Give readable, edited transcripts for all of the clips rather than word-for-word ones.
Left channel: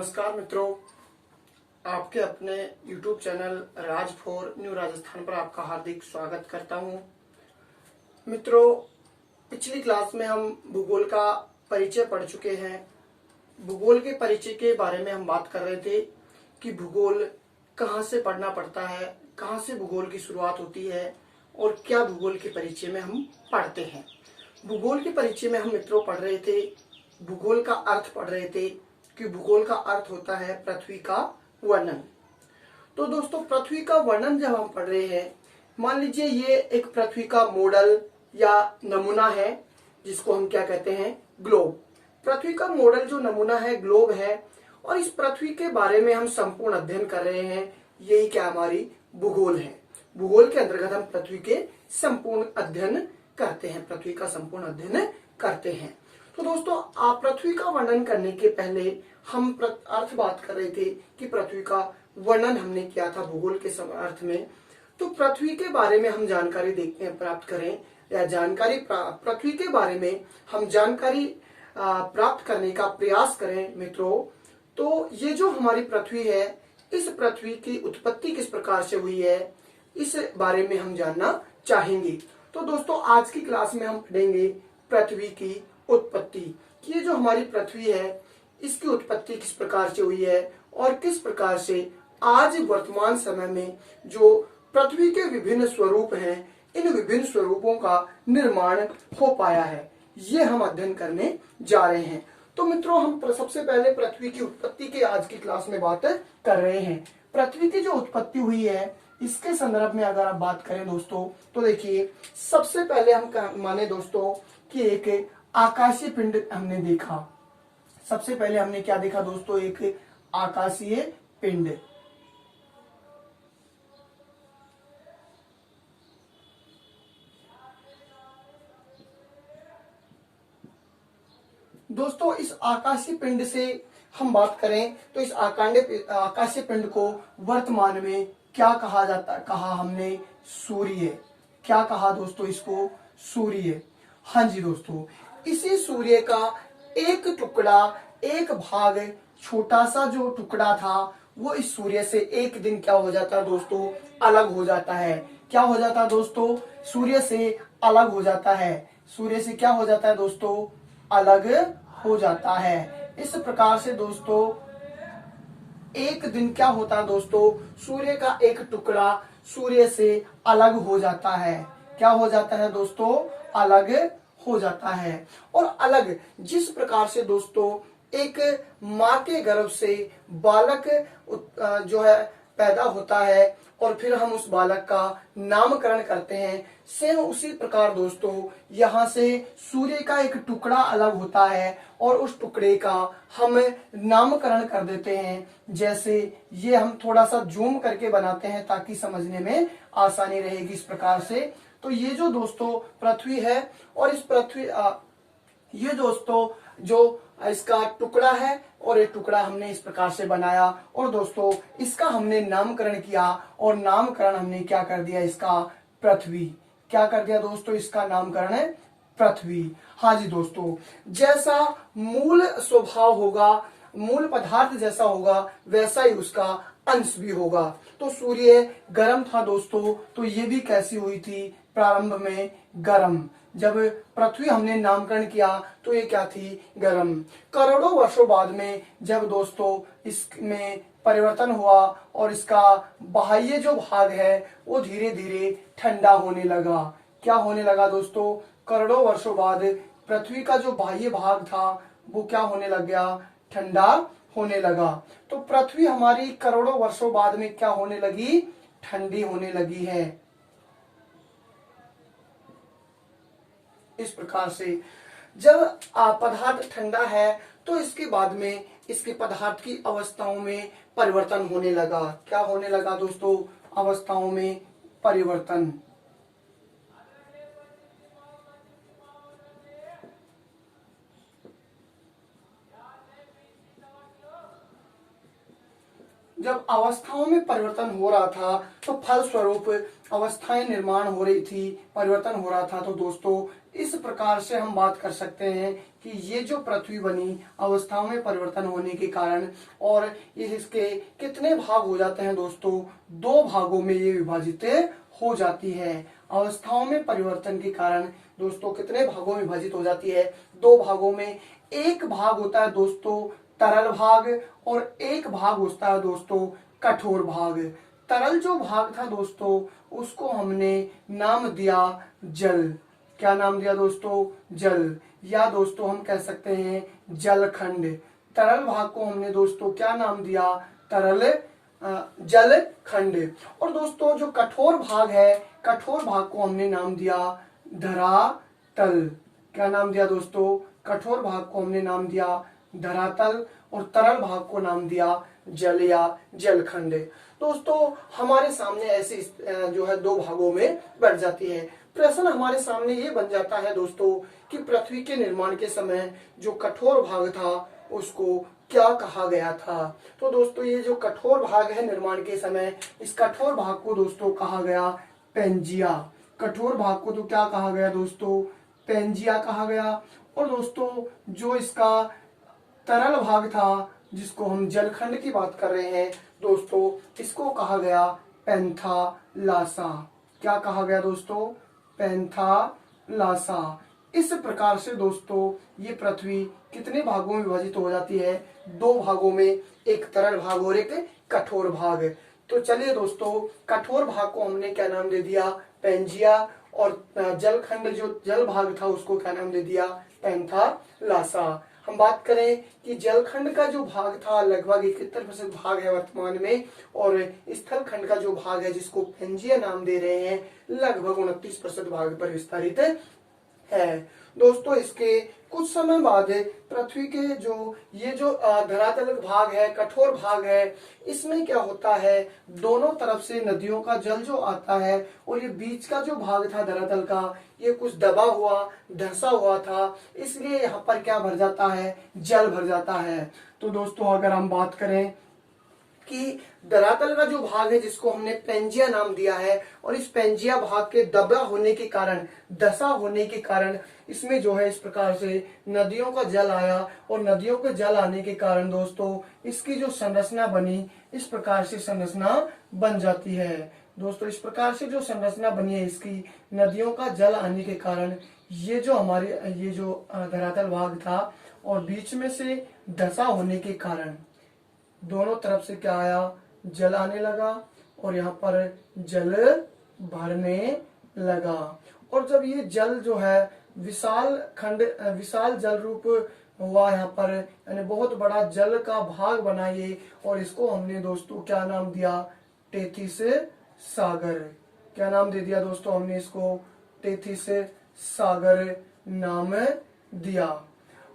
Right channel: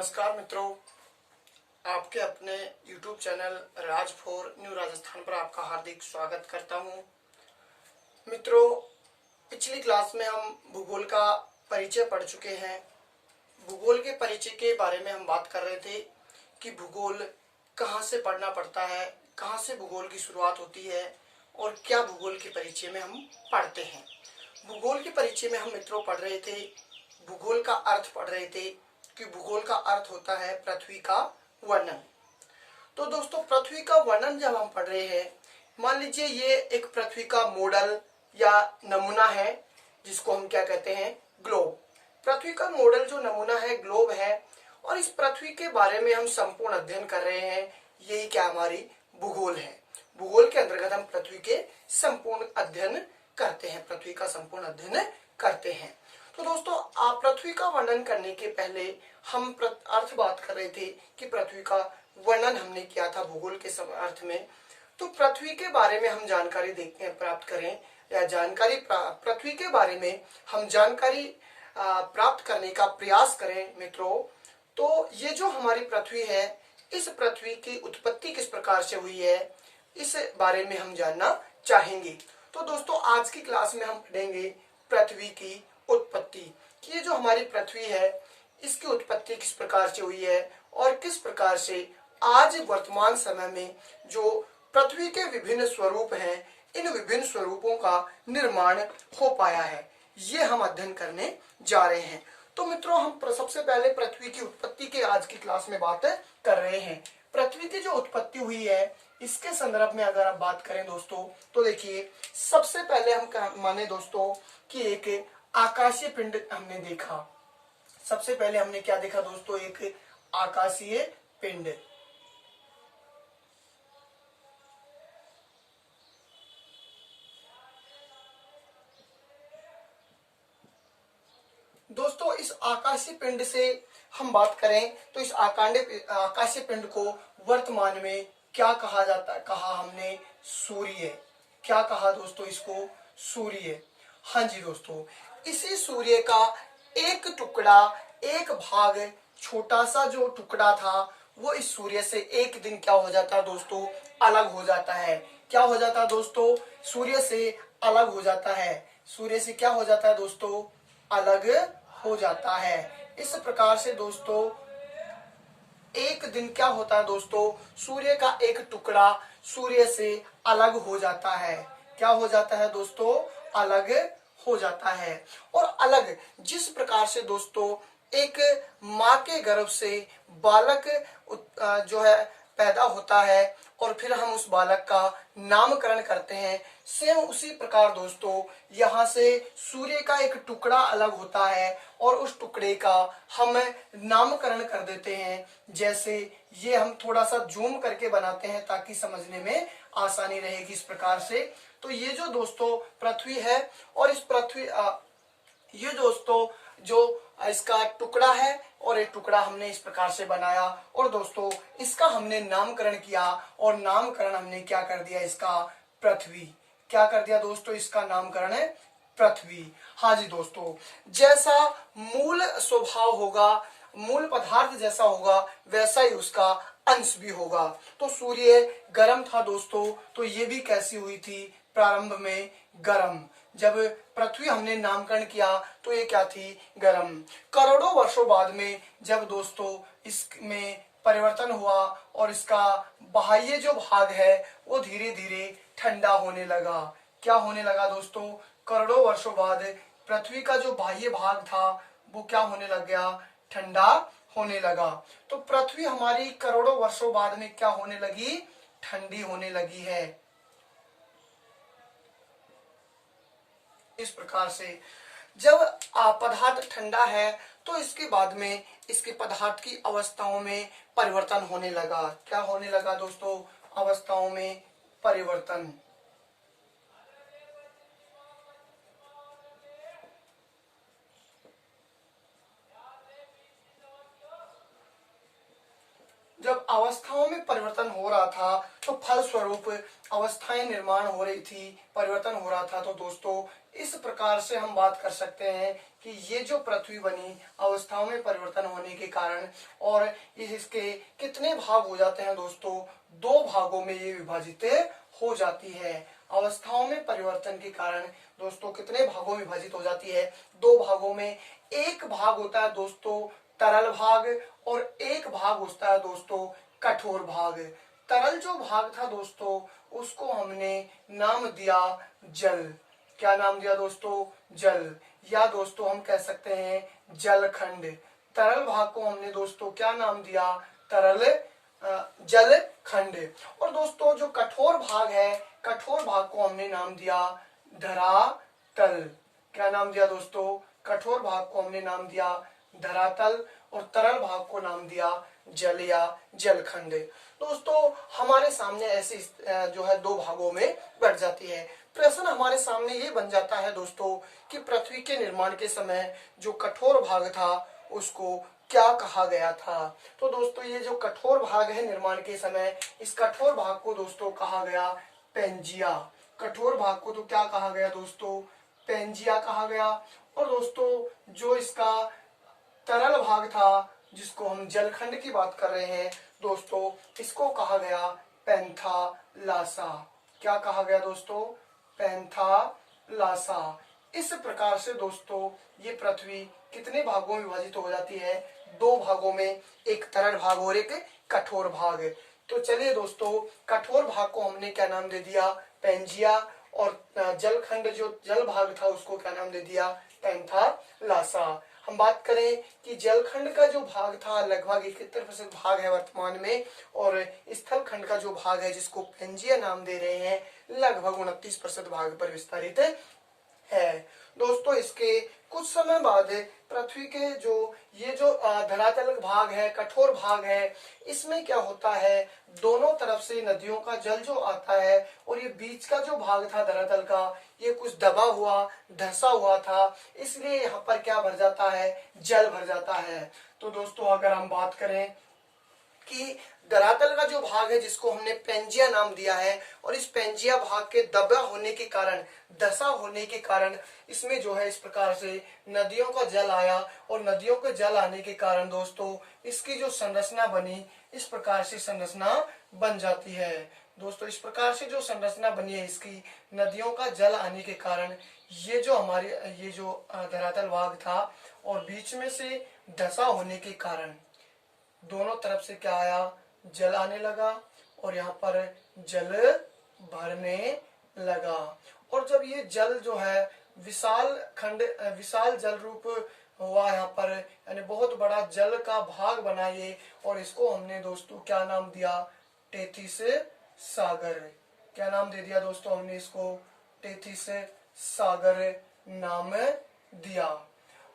नमस्कार मित्रों, आपके अपने YouTube चैनल राज फोर न्यू राजस्थान पर आपका हार्दिक स्वागत करता हूं। मित्रों, पिछली क्लास में हम भूगोल का परिचय पढ़ चुके हैं। भूगोल के परिचय के बारे में हम बात कर रहे थे कि भूगोल कहाँ से पढ़ना पड़ता है, कहाँ से भूगोल की शुरुआत होती है और क्या भूगोल के परिचय में हम पढ़ते हैं। भूगोल के परिचय में हम मित्रों पढ़ रहे थे, भूगोल का अर्थ पढ़ रहे थे कि भूगोल का अर्थ होता है पृथ्वी का वर्णन। तो दोस्तों, पृथ्वी का वर्णन जब हम पढ़ रहे हैं, मान लीजिए ये एक पृथ्वी का मॉडल या नमूना है जिसको हम क्या कहते हैं, ग्लोब। पृथ्वी का मॉडल जो नमूना है ग्लोब है और इस पृथ्वी के बारे में हम संपूर्ण अध्ययन कर रहे हैं। यही क्या हमारी भूगोल है। भूगोल के अंतर्गत हम पृथ्वी के संपूर्ण अध्ययन करते हैं, पृथ्वी का संपूर्ण अध्ययन करते हैं। तो दोस्तों, आप पृथ्वी का वर्णन करने के पहले हम अर्थ बात कर रहे थे कि पृथ्वी का वर्णन हमने किया था भूगोल के अर्थ में। तो पृथ्वी के बारे में हम जानकारी प्राप्त करें या जानकारी पृथ्वी के बारे में हम जानकारी प्राप्त करने का प्रयास करें मित्रों। तो ये जो हमारी पृथ्वी है, इस पृथ्वी की उत्पत्ति किस प्रकार से हुई है, इस बारे में हम जानना चाहेंगे। तो दोस्तों, आज की क्लास में हम पढ़ेंगे पृथ्वी की उत्पत्ति, कि ये जो हमारी पृथ्वी है इसकी उत्पत्ति किस प्रकार से हुई है और किस प्रकार से आज वर्तमान समय में जो पृथ्वी के विभिन्न स्वरूप हैं, इन विभिन्न स्वरूपों का निर्माण हो पाया है, ये हम अध्ययन करने जा रहे हैं। तो मित्रों, हम सबसे पहले पृथ्वी की उत्पत्ति के आज की क्लास में बात कर रहे हैं। पृथ्वी की जो उत्पत्ति हुई है इसके संदर्भ में अगर आप बात करें दोस्तों, तो देखिए, सबसे पहले हम माने दोस्तों कि एक आकाशीय पिंड हमने देखा। सबसे पहले हमने क्या देखा दोस्तों, एक आकाशीय पिंड। दोस्तों, इस आकाशीय पिंड से हम बात करें तो इस आकाशीय पिंड को वर्तमान में क्या कहा जाता है, कहा हमने सूर्य। क्या कहा दोस्तों इसको, सूर्य। हाँ जी दोस्तों, इसी सूर्य का एक टुकड़ा, एक भाग, छोटा सा जो टुकड़ा था वो इस सूर्य से एक दिन क्या हो जाता है दोस्तों, अलग हो जाता है। क्या हो जाता है दोस्तों, सूर्य से अलग हो जाता है। सूर्य से क्या हो जाता है दोस्तों, अलग हो जाता है। इस प्रकार से दोस्तों एक दिन क्या होता है दोस्तों, सूर्य का एक टुकड़ा सूर्य से अलग हो जाता है। क्या हो जाता है दोस्तों, अलग हो जाता है। और अलग जिस प्रकार से दोस्तों एक माँ के गर्भ से बालक जो है पैदा होता है और फिर हम उस बालक का नामकरण करते हैं, सेम उसी प्रकार दोस्तों यहाँ से सूर्य का एक टुकड़ा अलग होता है और उस टुकड़े का हम नामकरण कर देते हैं। जैसे ये हम थोड़ा सा जूम करके बनाते हैं ताकि समझने में आसानी रहेगी। इस प्रकार से तो ये जो दोस्तों पृथ्वी है और इस पृथ्वी ये दोस्तों जो इसका टुकड़ा है और ये टुकड़ा हमने इस प्रकार से बनाया और दोस्तों इसका हमने नामकरण किया और नामकरण हमने क्या कर दिया, इसका पृथ्वी। क्या कर दिया दोस्तों, इसका नामकरण है पृथ्वी। हाँ जी दोस्तों, जैसा मूल स्वभाव होगा, मूल पदार्थ जैसा होगा वैसा ही उसका अंश भी होगा। तो सूर्य गर्म था दोस्तों, तो ये भी कैसी हुई थी, प्रारंभ में गर्म। जब पृथ्वी हमने नामकरण किया तो ये क्या थी, गर्म। करोड़ों वर्षों बाद में जब दोस्तों इसमें परिवर्तन हुआ और इसका बाह्य जो भाग है वो धीरे धीरे ठंडा होने लगा। क्या होने लगा दोस्तों, करोड़ों वर्षों बाद पृथ्वी का जो बाह्य भाग था वो क्या होने लग गया, ठंडा होने लगा। तो पृथ्वी हमारी करोड़ों वर्षों बाद में क्या होने लगी, ठंडी होने लगी है। इस प्रकार से जब पदार्थ ठंडा है तो इसके बाद में इसके पदार्थ की अवस्थाओं में परिवर्तन होने लगा। क्या होने लगा दोस्तों, अवस्थाओं में परिवर्तन। जब अवस्थाओं में परिवर्तन हो रहा था तो फलस्वरूप अवस्थाएं निर्माण हो रही थी, परिवर्तन हो रहा था। तो दोस्तों इस प्रकार से हम बात कर सकते हैं कि ये जो पृथ्वी बनी अवस्थाओं में परिवर्तन होने के कारण, और इसके कितने भाग हो जाते हैं दोस्तों, दो भागों में ये विभाजित हो जाती है। अवस्थाओं में परिवर्तन के कारण दोस्तों कितने भागों में विभाजित हो जाती है, दो भागों में। एक भाग होता है दोस्तों तरल भाग और एक भाग होता है दोस्तों कठोर भाग। तरल जो भाग था दोस्तों उसको हमने नाम दिया जल। क्या नाम दिया दोस्तों? जल, या दोस्तों हम कह सकते हैं जलखंड। तरल भाग को हमने दोस्तों क्या नाम दिया? तरल जल खंड। और दोस्तों जो कठोर भाग है, कठोर भाग को हमने नाम दिया धरातल। क्या नाम दिया दोस्तों? कठोर भाग को हमने नाम दिया धरातल और तरल भाग को नाम दिया जल या जलखंड। दोस्तों हमारे सामने ऐसे जो है दो भागों में बढ़ जाती है। प्रश्न हमारे सामने ये बन जाता है दोस्तों कि पृथ्वी के निर्माण के समय जो कठोर भाग था उसको क्या कहा गया था? तो दोस्तों ये जो कठोर भाग है निर्माण के समय, इस कठोर भाग को दोस्तों कहा गया पेंजिया। कठोर भाग को तो क्या कहा गया दोस्तों? पेंजिया कहा गया। और दोस्तों जो इसका तरल भाग था जिसको हम जलखंड की बात कर रहे हैं दोस्तों, इसको कहा गया पैंथालासा। क्या कहा गया दोस्तों? पैंथालासा। इस प्रकार से दोस्तों ये पृथ्वी कितने भागों में विभाजित हो जाती है? दो भागों में, एक तरल भाग और एक कठोर भाग। तो चलिए दोस्तों कठोर भाग को हमने क्या नाम दे दिया? पेंजिया। और जलखंड जो जल भाग था उसको क्या नाम दे दिया? पैंथालासा। हम बात करें कि जलखंड का जो भाग था लगभग 71% भाग है वर्तमान में, और स्थल खंड का जो भाग है जिसको पेंजिया नाम दे रहे हैं लगभग 29% भाग पर विस्तारित है। दोस्तों इसके कुछ समय बाद पृथ्वी के ये जो धरातल भाग है, कठोर भाग है, इसमें क्या होता है, दोनों तरफ से नदियों का जल जो आता है और ये बीच का जो भाग था धरातल का ये कुछ दबा हुआ, धंसा हुआ था, इसलिए यहाँ पर क्या भर जाता है? जल भर जाता है। तो दोस्तों अगर हम बात करें कि धरातल का जो भाग है जिसको हमने पेंजिया नाम दिया है, और इस पेंजिया भाग के दबा होने के कारण, दशा होने के कारण इसमें जो है इस प्रकार से नदियों का जल आया, और नदियों के जल आने के कारण दोस्तों इसकी जो संरचना बनी, इस प्रकार से संरचना बन जाती है। दोस्तों इस प्रकार से जो संरचना बनी है इसकी, नदियों का जल आने के कारण ये जो हमारे ये जो धरातल भाग था और बीच में से दशा होने के कारण दोनों तरफ से क्या आया? जल आने लगा और यहाँ पर जल भरने लगा। और जब ये जल जो है विशाल जल रूप हुआ यहाँ पर, यानी बहुत बड़ा जल का भाग बना ये, और इसको हमने दोस्तों क्या नाम दिया? टेथिस सागर। क्या नाम दे दिया दोस्तों? हमने इसको टेथिस सागर नाम दिया।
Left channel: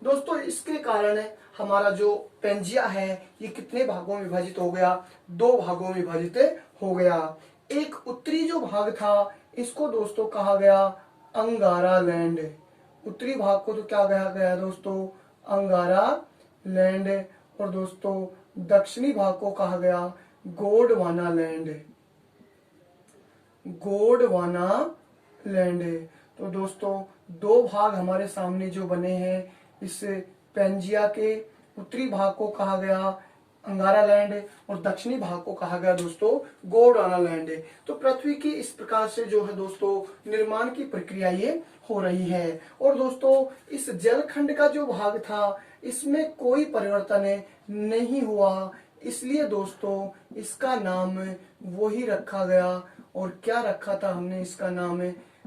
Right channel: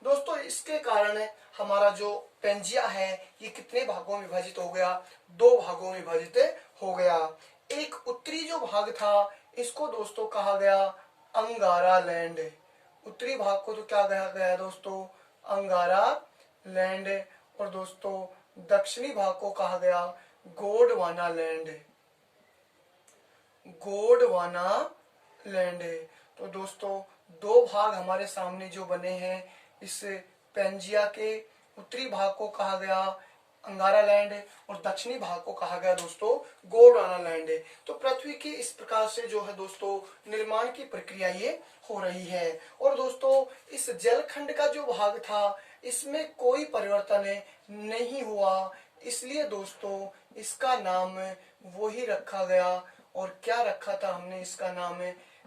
दोस्तों इसके कारण हमारा जो पेंजिया है ये कितने भागों में विभाजित हो गया? दो भागों में विभाजित हो गया। एक उत्तरी जो भाग था इसको दोस्तों कहा गया अंगारा लैंड। उत्तरी भाग को तो क्या कहा गया दोस्तों? अंगारा लैंड। और दोस्तों दक्षिणी भाग को कहा गया गोंडवाना लैंड। गोंडवाना लैंड। तो दोस्तों दो भाग हमारे सामने जो बने हैं, इस पेंजिया के उत्तरी भाग को कहा गया अंगारा लैंड और दक्षिणी भाग को कहा गया दोस्तों गोंडवाना लैंड। तो पृथ्वी की इस प्रकार से जो है दोस्तों निर्माण की प्रक्रिया ये हो रही है। और दोस्तों इस जलखंड का जो भाग था इसमें कोई परिवर्तन नहीं हुआ, इसलिए दोस्तों इसका नाम वही रखा गया। और क्या रखा था हमने? इसका नाम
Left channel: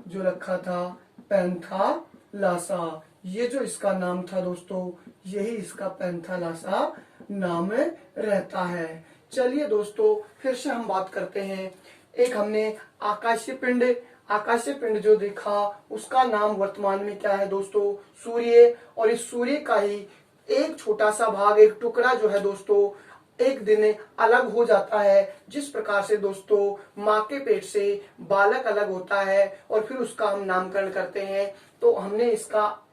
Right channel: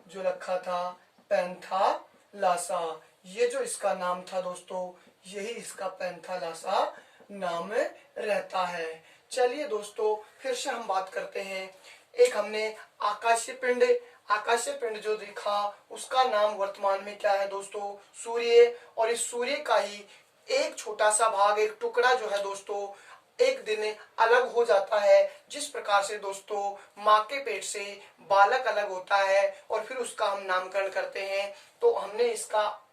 जो रखा था पैंथालासा। ये जो इसका नाम था दोस्तों, यही इसका पैंथालासा नाम रहता है। चलिए दोस्तों फिर से हम बात करते हैं। एक हमने आकाशीय पिंड जो देखा उसका नाम वर्तमान में क्या है दोस्तों? सूर्य। और इस सूर्य का ही एक छोटा सा भाग, एक टुकड़ा जो है दोस्तों एक दिन अलग हो जाता है। जिस प्रकार से दोस्तों माँ के पेट से बालक अलग होता है और फिर उसका हम नामकरण करते हैं, तो हमने इसका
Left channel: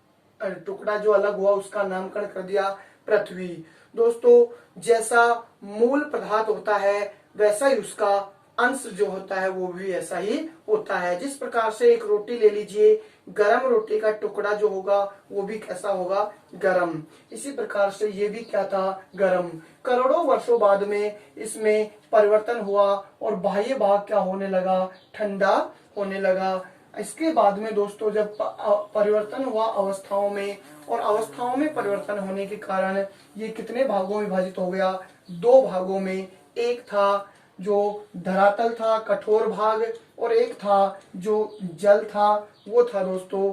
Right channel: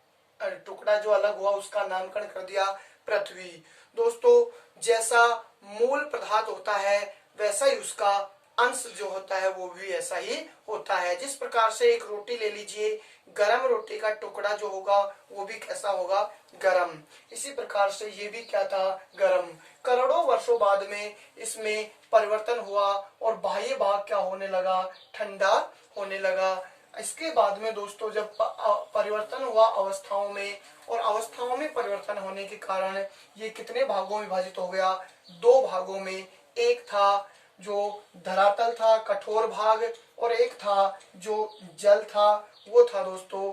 टुकड़ा जो अलग हुआ उसका नामकरण कर दिया पृथ्वी। दोस्तों जैसा मूल पदार्थ होता है वैसा ही उसका अंश जो होता है वो भी ऐसा ही होता है। जिस प्रकार से एक रोटी ले लीजिए, गरम रोटी का टुकड़ा जो होगा वो भी कैसा होगा, गरम। इसी प्रकार से ये भी क्या था, गरम। करोड़ों वर्षों बाद में इसमें परिवर्तन हुआ और बाह्य भाग क्या होने लगा, ठंडा होने लगा। इसके बाद में दोस्तों जब परिवर्तन हुआ अवस्थाओं में, और अवस्थाओं में परिवर्तन होने के कारण ये कितने भागों में विभाजित हो गया, दो भागों में। एक था जो धरातल था, कठोर भाग, और एक था जो जल था, वो था दोस्तों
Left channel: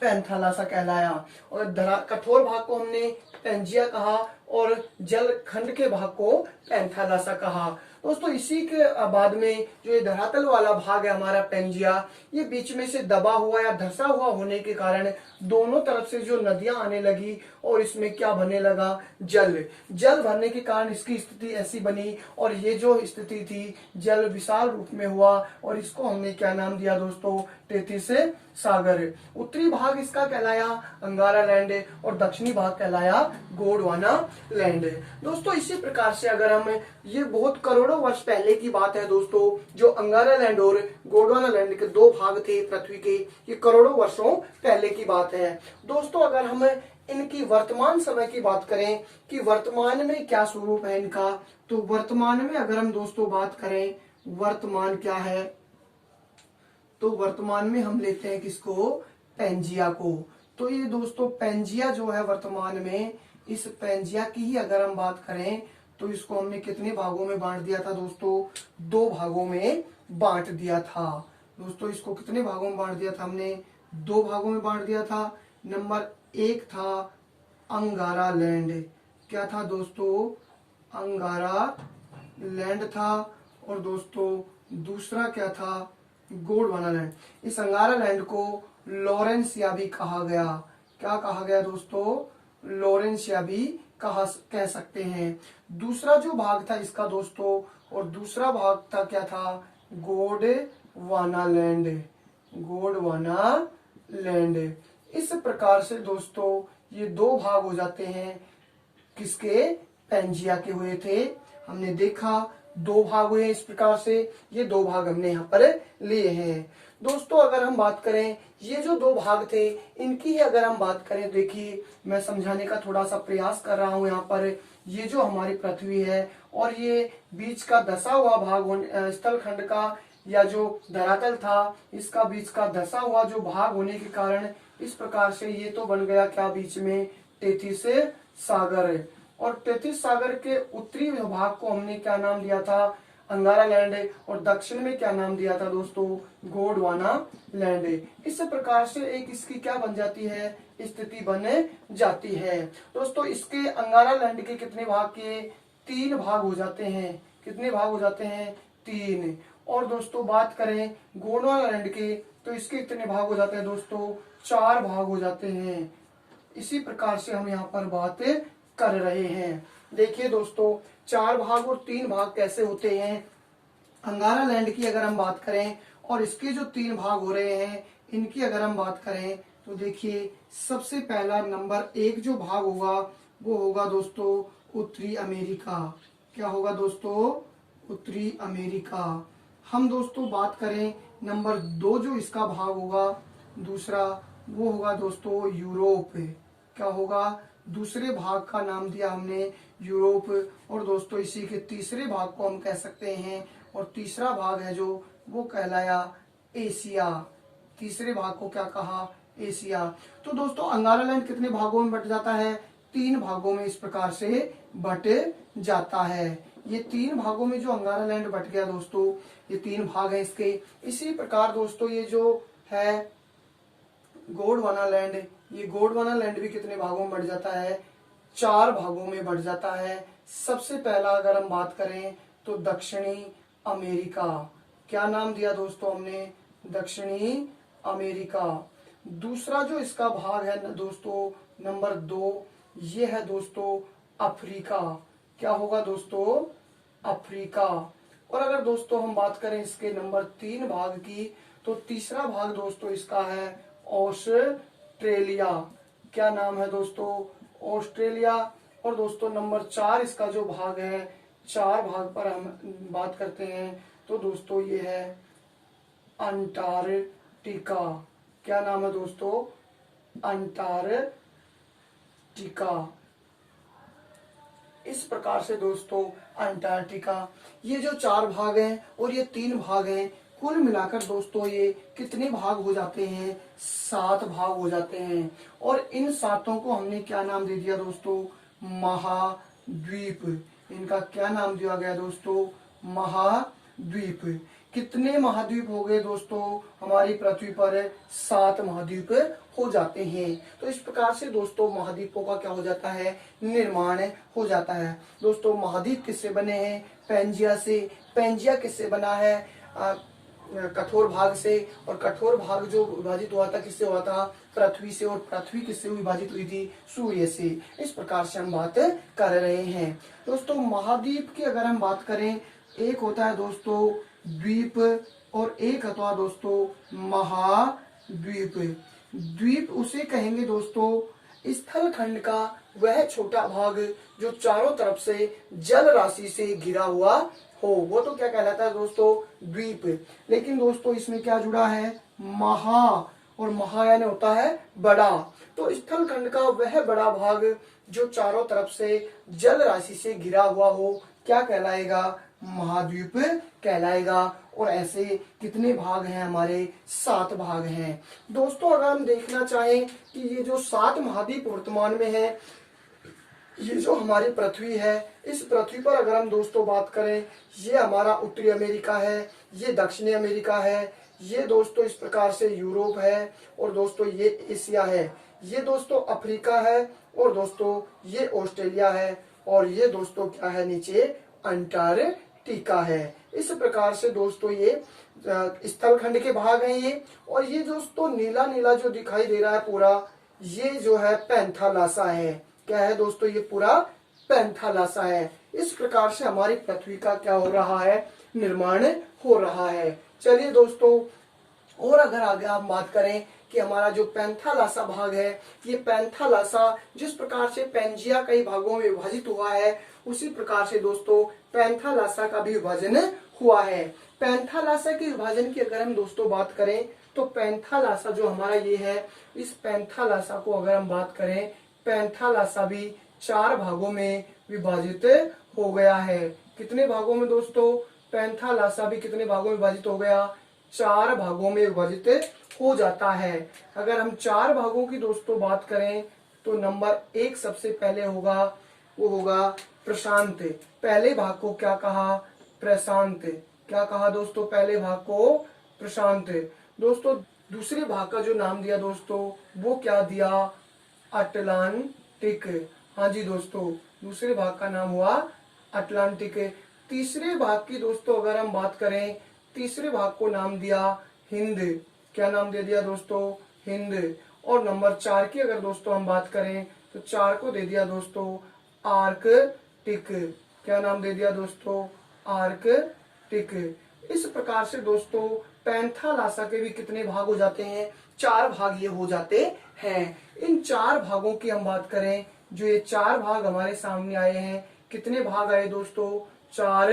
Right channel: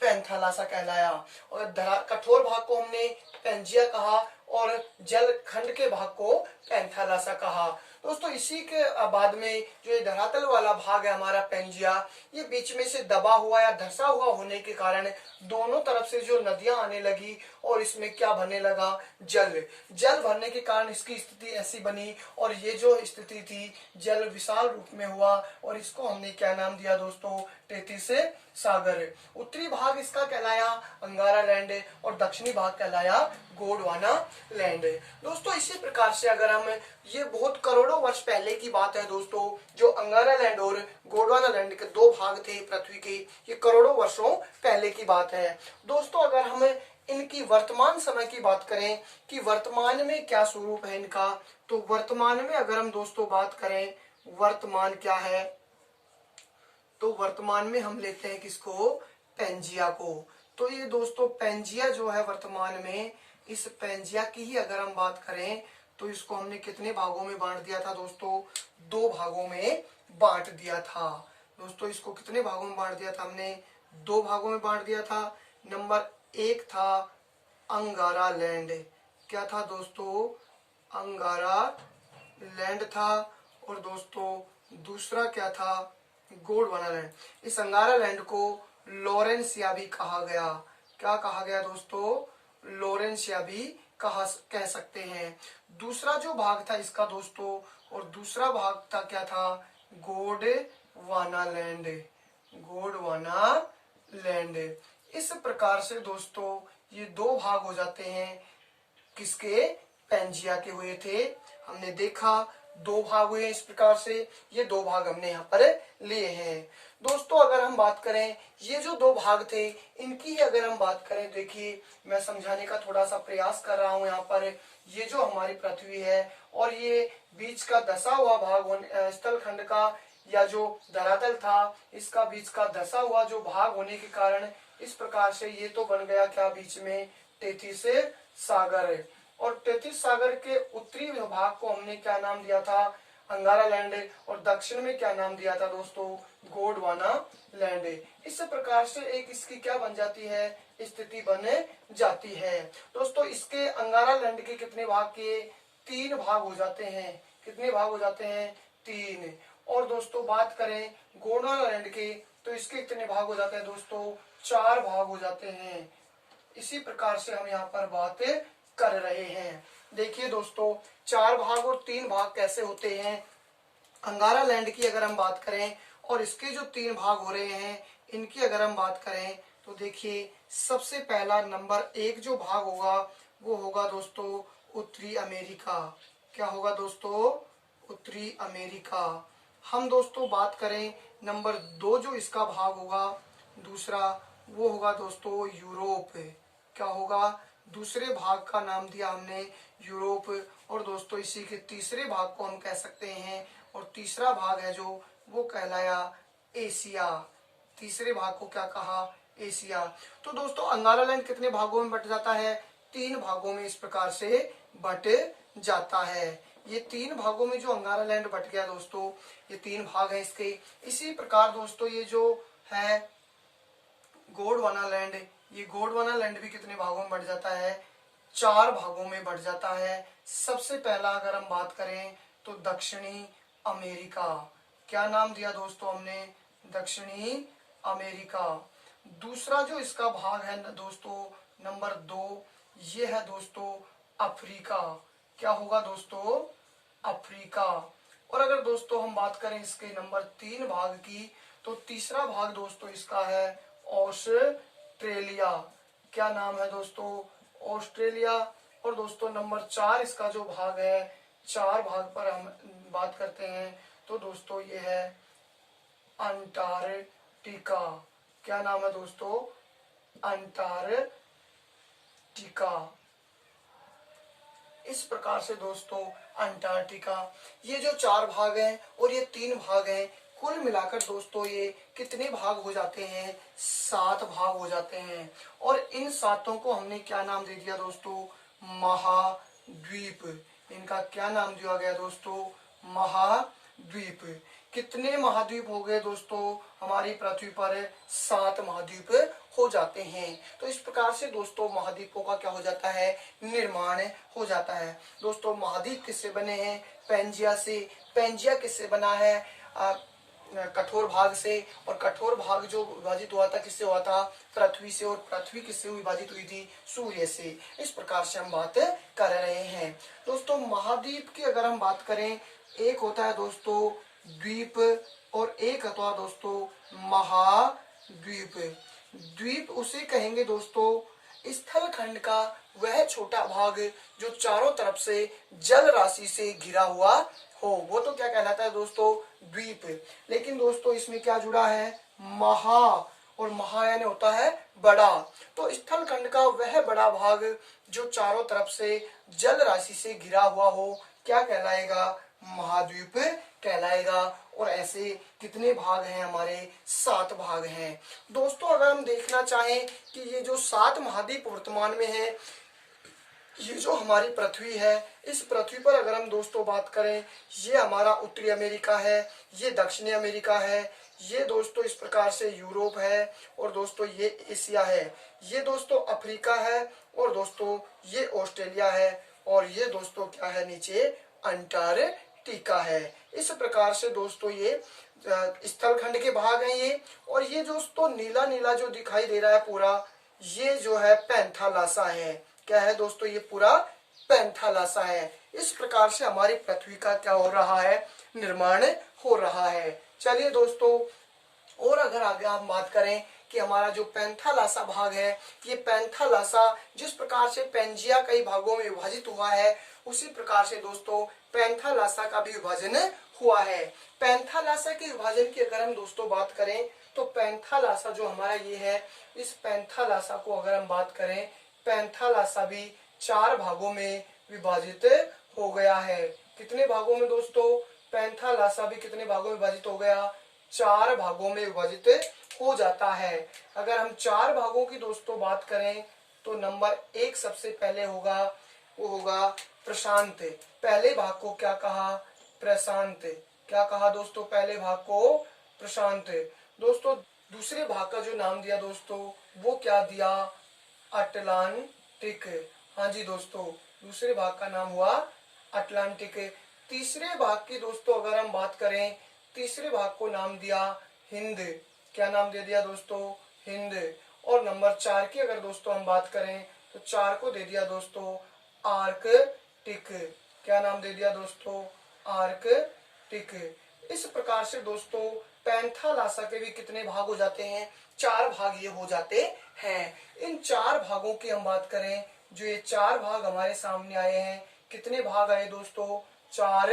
पैंथालासा कहलाया। और कठोर भाग को हमने पेंजिया कहा और जल खंड के भाग को पैंथालासा कहा। दोस्तों इसी के बाद में जो ये धरातल वाला भाग है हमारा पेंजिया, ये बीच में से दबा हुआ या धंसा हुआ होने के कारण दोनों तरफ से जो नदियां आने लगी और इसमें क्या भरने लगा, जल। जल भरने के कारण इसकी स्थिति ऐसी बनी, और ये जो स्थिति थी जल विशाल रूप में हुआ, और इसको हमने क्या नाम दिया दोस्तों, तेतीस सागर। उत्तरी भाग इसका कहलाया अंगारा लैंड और दक्षिणी भाग कहलाया गोंडवाना लैंड। दोस्तों इसी प्रकार से अगर हम, ये बहुत करोड़ों वर्ष पहले की बात है दोस्तों, जो अंगारा लैंड और गोंडवाना लैंड के दो भाग थे पृथ्वी के, ये करोड़ों वर्षों पहले की बात है। दोस्तों अगर हम इनकी वर्तमान समय की बात करें कि वर्तमान में क्या स्वरूप है इनका, तो वर्तमान में अगर हम दोस्तों बात करें वर्तमान क्या है, तो वर्तमान में हम लेते हैं किसको, पेंजिया को। तो ये दोस्तों पेंजिया जो है वर्तमान में, इस पेंजिया की ही अगर हम बात करें तो इसको हमने कितने भागों में बांट दिया था दोस्तों, दो भागों में बांट दिया था। दोस्तों इसको कितने भागों में बांट दिया था हमने, दो भागों में बांट दिया था। नंबर एक था अंगारा लैंड, क्या था दोस्तों, अंगारा लैंड था। और दोस्तों दूसरा क्या था, गोंडवाना लैंड। इस अंगारा लैंड को लॉरेंसिया भी कहा गया, क्या कहा गया दोस्तों, लॉरेंसिया भी कह सकते हैं। दूसरा जो भाग था इसका दोस्तों, और दूसरा भाग था क्या था, गोंडवाना लैंड, गोंडवाना लैंड। इस प्रकार से दोस्तों ये दो भाग हो जाते हैं, किसके, पेंजिया के हुए थे। हमने देखा दो भाग हुए इस प्रकार से, ये दो भाग हमने यहाँ पर लिए हैं। दोस्तों अगर हम बात करें ये जो दो भाग थे इनकी ही अगर हम बात करें, देखिए मैं समझाने का थोड़ा सा प्रयास कर रहा हूँ यहाँ पर। ये जो हमारी पृथ्वी है और ये बीच का धसा हुआ भाग स्थल खंड का या जो धरातल था, इसका बीच का धसा हुआ जो भाग होने के कारण इस प्रकार से ये तो बन गया क्या, बीच में तेतीस सागर। और तेतीस सागर के उत्तरी भाग को हमने क्या नाम दिया था, अंगारा लैंड, और दक्षिण में क्या नाम दिया था दोस्तों, गोंडवाना लैंड। इस प्रकार से एक इसकी क्या बन जाती है, स्थिति बन जाती है। दोस्तों इसके अंगारा लैंड के कितने भाग के, तीन भाग हो जाते हैं। कितने भाग हो जाते हैं, तीन। और दोस्तों बात करें गोंडवाना लैंड के, तो इसके कितने भाग हो जाते हैं दोस्तों, चार भाग हो जाते हैं। इसी प्रकार से हम यहाँ पर बात कर रहे हैं। देखिए दोस्तों चार भाग और तीन भाग कैसे होते हैं। अंगारा लैंड की अगर हम बात करें और इसके जो तीन भाग हो रहे हैं इनकी अगर हम बात करें, तो देखिए सबसे पहला नंबर एक जो भाग होगा वो होगा दोस्तों उत्तरी अमेरिका। क्या होगा दोस्तों, उत्तरी अमेरिका। हम दोस्तों बात करें नंबर दो जो इसका भाग होगा दूसरा, वो होगा दोस्तों यूरोप। क्या होगा, दूसरे भाग का नाम दिया हमने यूरोप। और दोस्तों इसी के तीसरे भाग को हम कह सकते हैं, और तीसरा भाग है जो वो कहलाया एशिया। तीसरे भाग को क्या कहा, एशिया। तो दोस्तों अंगारा लैंड कितने भागों में बट जाता है, तीन भागों में इस प्रकार से बट जाता है। ये तीन भागों में जो अंगारा लैंड बट गया दोस्तों, ये तीन भाग है इसके। इसी प्रकार दोस्तों ये जो है गोंडवाना लैंड, ये गोंडवाना लैंड भी कितने भागों में बढ़ जाता है, चार भागों में बढ़ जाता है। सबसे पहला अगर हम बात करें तो दक्षिणी अमेरिका। क्या नाम दिया दोस्तों हमने, दक्षिणी अमेरिका। दूसरा जो इसका भाग है दोस्तों नंबर दो, ये है दोस्तों अफ्रीका। क्या होगा दोस्तों, अफ्रीका। और अगर दोस्तों हम बात करें इसके नंबर तीन भाग की, तो तीसरा भाग दोस्तों इसका है ऑस्ट्रेलिया। क्या नाम है दोस्तों, ऑस्ट्रेलिया। और दोस्तों नंबर 4 इसका जो भाग है, 4 भाग पर हम बात करते हैं तो दोस्तों ये है अंटार्कटिका। क्या नाम है दोस्तों? अंटार्कटिका। इस प्रकार से दोस्तों अंटार्कटिका, ये जो 4 भाग हैं और ये 3 भाग हैं, कुल मिलाकर दोस्तों ये कितने भाग हो जाते हैं? 7 भाग हो जाते हैं। और इन 7 को हमने क्या नाम दे दिया दोस्तों? महाद्वीप। इनका क्या नाम दिया गया दोस्तों? महाद्वीप। कितने महाद्वीप हो गए दोस्तों हमारी पृथ्वी पर? 7 महाद्वीप हो जाते हैं। तो इस प्रकार से दोस्तों महाद्वीपों का क्या हो जाता है? निर्माण हो जाता है। दोस्तों महाद्वीप किससे बने हैं? पैंजिया से। पैंजिया किससे बना है? कठोर भाग से। और कठोर भाग जो विभाजित हुआ था किससे हुआ था? पृथ्वी से। और पृथ्वी किससे विभाजित हुई थी? सूर्य से। इस प्रकार से हम बात कर रहे हैं। दोस्तों महाद्वीप की अगर हम बात करें, एक होता है दोस्तों द्वीप और एक होता है दोस्तों महाद्वीप। द्वीप उसे कहेंगे दोस्तों स्थल खंड का वह छोटा भाग जो चारों तरफ से जल राशि से घिरा हुआ हो, वो तो क्या कहलाता है दोस्तों? द्वीप। लेकिन दोस्तों इसमें क्या जुड़ा है? महा। और महा यानी होता है बड़ा। तो स्थल खंड का वह बड़ा भाग जो चारों तरफ से जल राशि से घिरा हुआ हो, क्या कहलाएगा? महाद्वीप कहलाएगा। और ऐसे कितने भाग हैं हमारे? 7 भाग हैं। दोस्तों अगर हम देखना चाहें कि ये जो 7 महाद्वीप वर्तमान में है, ये जो हमारी पृथ्वी है, इस पृथ्वी पर अगर हम दोस्तों बात करें, ये हमारा उत्तरी अमेरिका है, ये दक्षिणी अमेरिका है, ये दोस्तों इस प्रकार से यूरोप है, और दोस्तों ये एशिया है, ये दोस्तों अफ्रीका है, और दोस्तों ये ऑस्ट्रेलिया है, और ये दोस्तों क्या है? नीचे अंटार्कटिका है। इस प्रकार से दोस्तों ये स्थल खंड के भाग हैं ये। और ये दोस्तों नीला नीला जो दिखाई दे रहा है पूरा, ये जो है पैंथालासा है। क्या है दोस्तों? ये पूरा पैंथालासा है। इस प्रकार से हमारी पृथ्वी का क्या हो रहा है? निर्माण हो रहा है। चलिए दोस्तों, और अगर आगे हम बात करें कि हमारा जो पैंथालासा भाग है, ये पैंथालासा जिस प्रकार से पैंजिया कई भागों में विभाजित हुआ है, उसी प्रकार से दोस्तों पैंथालासा का भी विभाजन हुआ है। पैंथालासा के विभाजन की अगर हम दोस्तों बात करें तो पैंथालासा जो हमारा ये है, इस पैंथालासा को अगर हम बात करें, पैंथालासा भी 4 भागों में विभाजित हो गया है। कितने भागों में दोस्तों? पैंथालासा भी कितने भागों में विभाजित हो गया? 4 भागों में विभाजित हो जाता है। अगर हम 4 भागों की दोस्तों बात करें तो नंबर 1 सबसे पहले होगा, वो होगा प्रशांत। पहले भाग को क्या कहा? प्रशांत। क्या कहा दोस्तों? पहले भाग को प्रशांत। दोस्तों दूसरे भाग का जो नाम दिया दोस्तों, वो क्या दिया? अटलांटिक। हाँ जी दोस्तों, दूसरे भाग का नाम हुआ अटलांटिक। तीसरे भाग की दोस्तों अगर हम बात करें, तीसरे भाग को नाम दिया हिंद। क्या नाम दे दिया दोस्तों? हिंद। और नंबर 4 की अगर दोस्तों हम बात करें तो 4 को दे दिया दोस्तों आर्कटिक। क्या नाम दे दिया दोस्तों? आर्कटिक। इस प्रकार से दोस्तों पैंथालासा के भी कितने भाग हो जाते हैं? 4 भाग ये हो जाते हैं। इन 4 भागों की हम बात करें, जो ये 4 भाग हमारे सामने आए हैं, कितने भाग आए दोस्तों? 4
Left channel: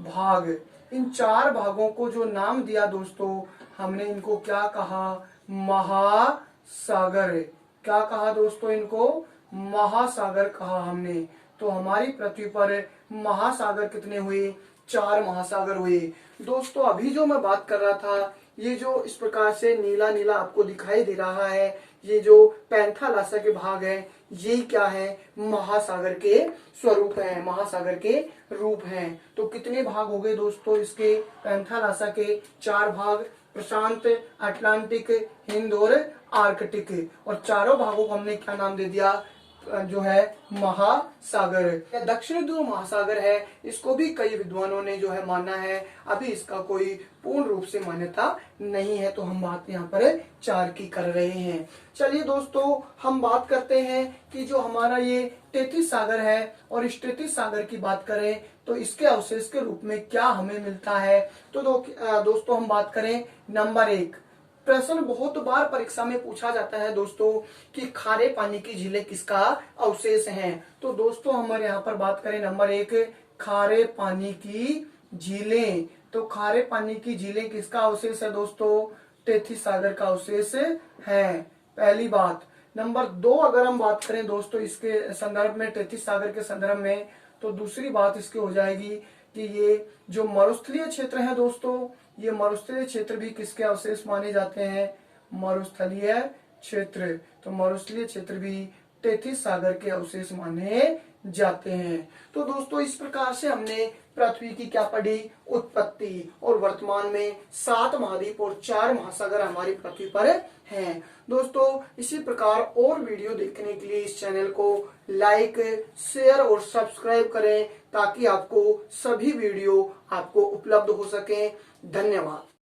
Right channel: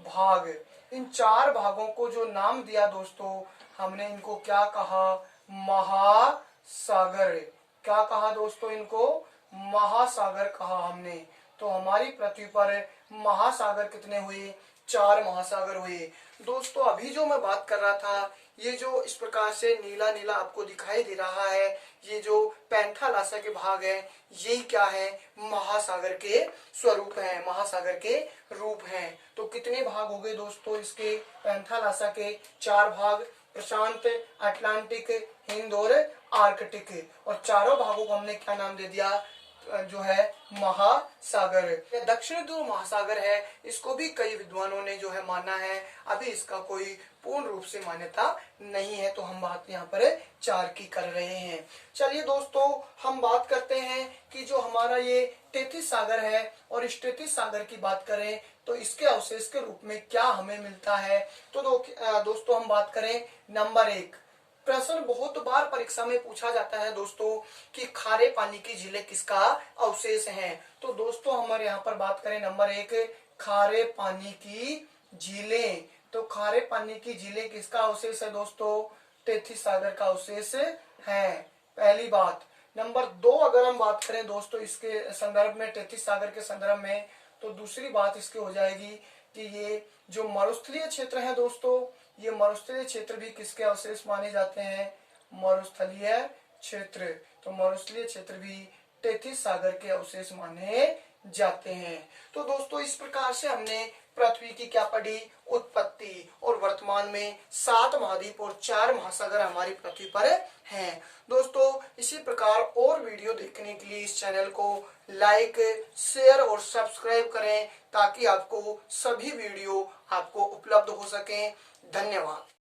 भाग। इन 4 भागों को जो नाम दिया दोस्तों, हमने इनको क्या कहा? महासागर। क्या कहा दोस्तों? इनको महासागर कहा हमने। तो हमारी पृथ्वी पर महासागर कितने हुए? 4 महासागर हुए। दोस्तों अभी जो मैं बात कर रहा था, ये जो इस प्रकार से नीला नीला आपको दिखाई दे रहा है, ये जो पैंथालासा के भाग है, ये क्या है? महासागर के स्वरूप है, महासागर के रूप हैं। तो कितने भाग हो गए दोस्तों इसके? पैंथालासा के 4 भाग, प्रशांत, अटलांटिक, हिंद और आर्कटिक। और चारों भागों को हमने क्या नाम दे दिया? जो है महासागर। दक्षिण ध्रुव महासागर है, इसको भी कई विद्वानों ने जो है माना है। अभी इसका कोई पूर्ण रूप से मान्यता नहीं है, तो हम बात यहाँ पर 4 की कर रहे हैं। चलिए दोस्तों हम बात करते हैं कि जो हमारा ये तैतीस सागर है, और इस तैतीस सागर की बात करें तो इसके अवशेष के रूप में क्या हमें मिलता है। तो दोस्तों हम बात करें नंबर 1 प्रश्न बहुत बार परीक्षा में पूछा जाता है दोस्तों कि खारे पानी की झीलें किसका अवशेष हैं। तो दोस्तों हमारे यहाँ पर बात करें नंबर 1, खारे पानी की झीलें। तो खारे पानी की झीलें किसका अवशेष है दोस्तों? टेथिस सागर का अवशेष है, पहली बात। नंबर 2 अगर हम बात करें दोस्तों इसके संदर्भ में, टेथिस सागर के संदर्भ में, तो दूसरी बात इसकी हो जाएगी कि ये जो मरुस्थलीय क्षेत्र है दोस्तों, ये मरुस्थलीय क्षेत्र भी किसके अवशेष माने जाते हैं? मरुस्थलीय क्षेत्र। तो मरुस्थलीय क्षेत्र भी टेथिस सागर के अवशेष माने जाते हैं। तो दोस्तों इस प्रकार से हमने पृथ्वी की क्या पढ़ी? उत्पत्ति। और वर्तमान में 7 महाद्वीप और 4 महासागर हमारी पृथ्वी पर हैं। दोस्तों इसी प्रकार और वीडियो देखने के लिए इस चैनल को लाइक, शेयर और सब्सक्राइब करें ताकि आपको सभी वीडियो आपको उपलब्ध हो सके। धन्यवाद।